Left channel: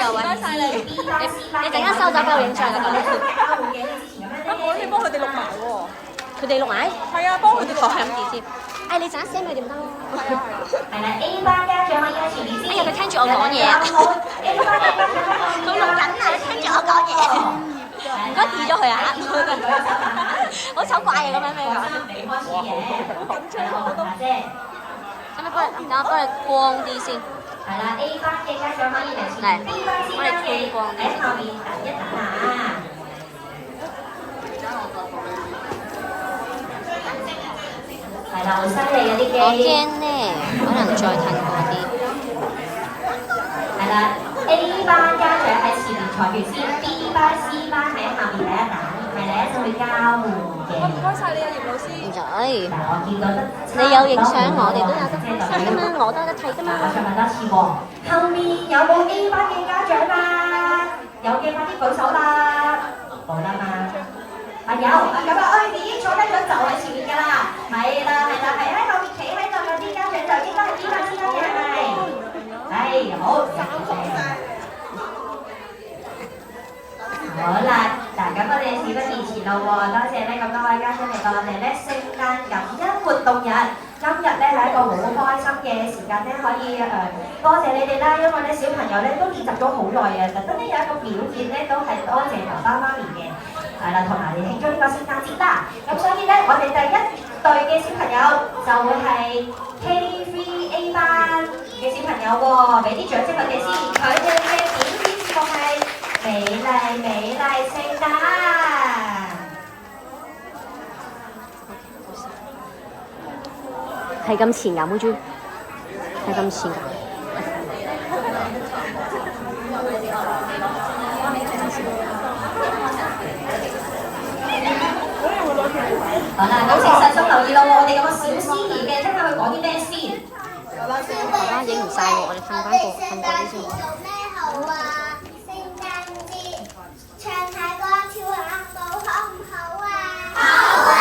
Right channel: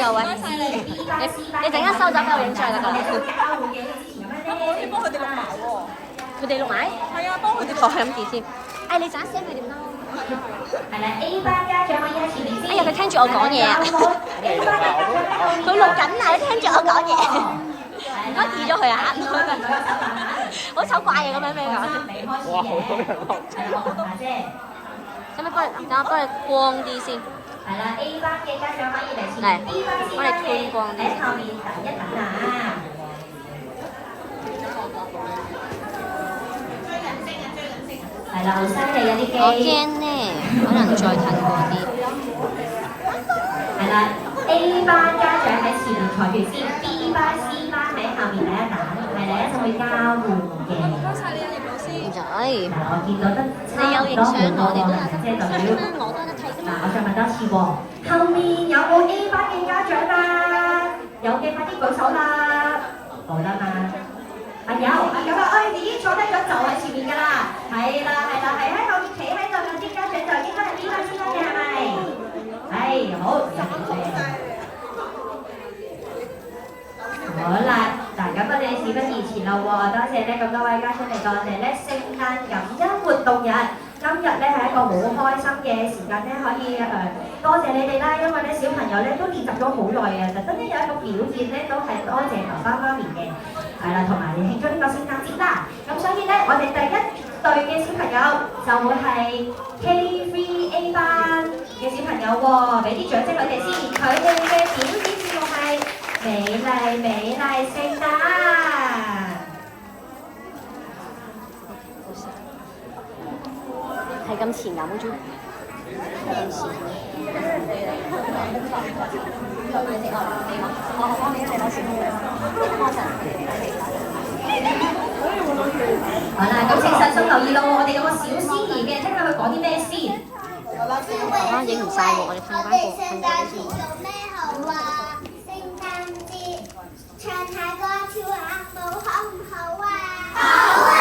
個位。你陣間收走俾我影相就得㗎啦。我可以幫佢哋錄埋喎。佢哋錄埋？係啊，幫佢哋我係咁字先。誒，你陣間 send 佢哋唔得咯。係啦，A 班家長可以喺前面先。哎呀，佢聽住我講嘢啊！ A 班嘅家長佢錄緊啊，聽住我講嘢。唔該 delete 咗佢啊！好醜怪啊，咁樣咩講？未開始嘅，係啦，我問下啫。使唔使幫你？等我幫你光啲先。係啦，A 班嘅家長可以嚟前嚟面，B 班先幫你寬光啲。喺後面等一等啊。係啦，好犀利啊啲機。我驚咧，可能再近過啲。係啦，A 班家長喺前面坐住先，B 班、C 班喺後面等一等，係嚟一齊去交換嘅。唔該曬你啊，葉老師。唔使，嗱，我見到得你有影相，我哋都有得即係代表。我都有得睇㗎嗱，嘛。我再問多次喎，後面有冇 A 班嘅家長啊？有嘅快啲舉手啦！好啦嘛，有啊，你已經坐低咗就喺前面㗎啦。係啦，係喺後面企喺度有啲家長就應該係 B 班先得嘅，係咪？係，好。好啦，嗱，咁我哋事不宜遲咯喎，多謝呢咁多位嘉賓嚟到我哋咧聖誕感恩活動日。今日咧係一個好開心嘅時間咧，可以多謝你哋啦，因為咧小朋友咧都練習咗好耐嘅，特登咧有一個表現咧都係多謝爸爸媽咪嘅，係啦，同埋你慶祝呢個聖誕節啦。咁所以咧，我哋第一隊嘅小朋友就會係 K3A 班嘅小朋友喎，俾啲掌聲佢哋先，佢哋嘅表演節目係美麗美麗聖誕。係咁前飲豬，係咁前飲。好啦，咁請細心留意咯，我哋有個小司儀嘅，即刻去講啲咩先？爸爸影唔晒喎，我哋瞓過啲先。咩好啊？聖誕節唱下歌跳下舞好唔好啊？好啊！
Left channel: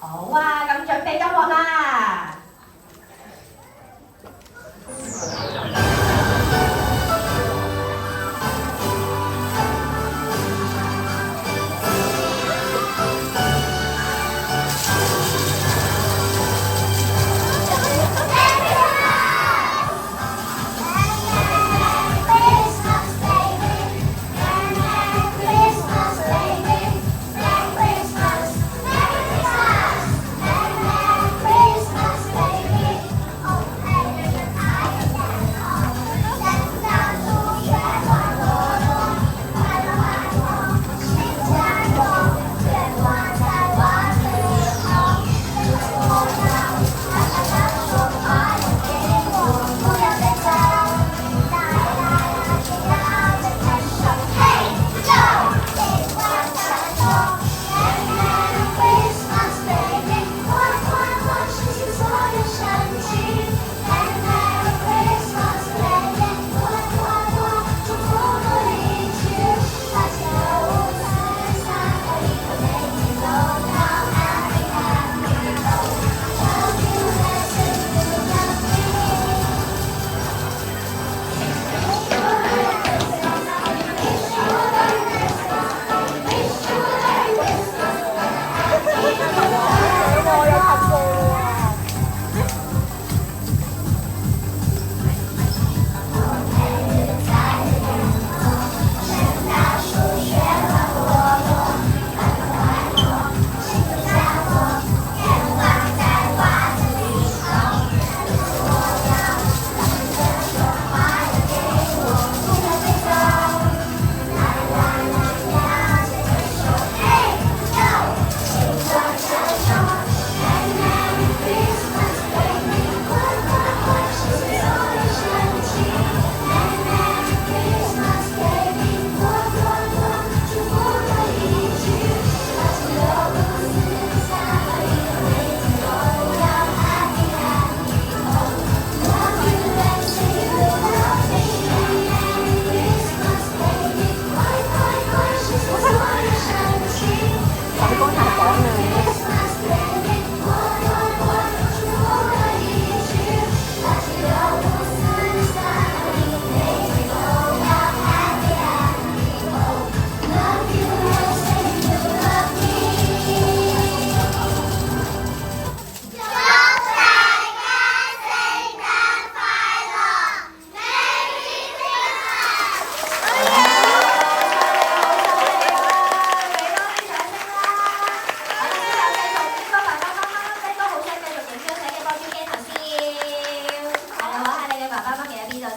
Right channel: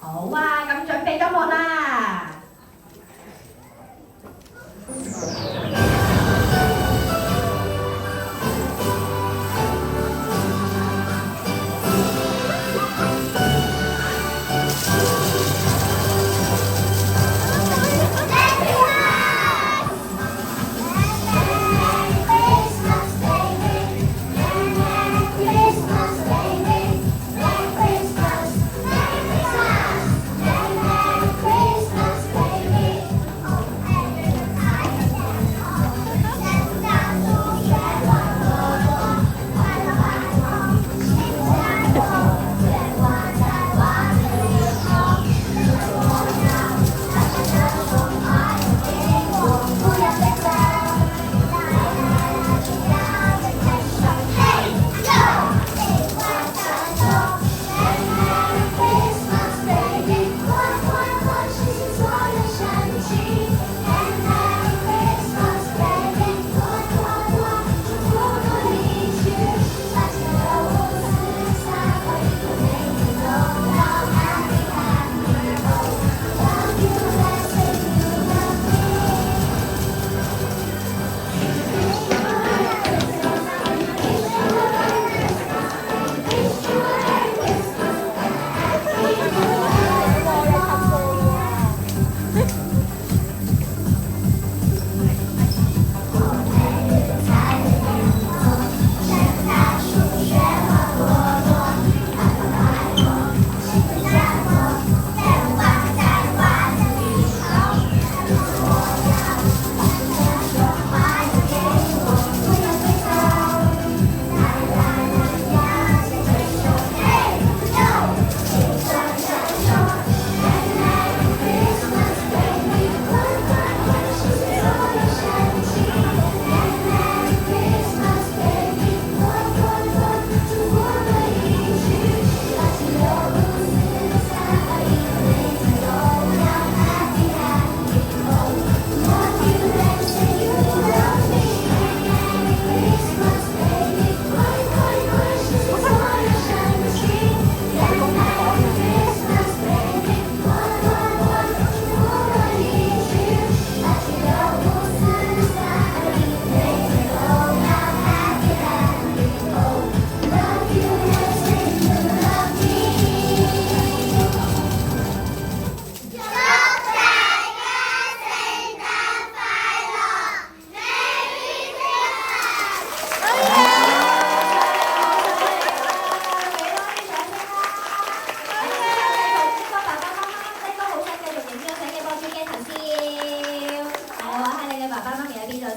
好啊，咁準備音樂啦！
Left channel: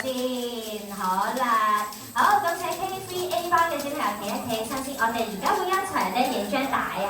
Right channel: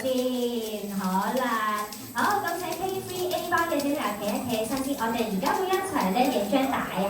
先，好啦，好咁請 KCA 班嘅小朋友企一企身先，我哋而家會一齊咧影張大合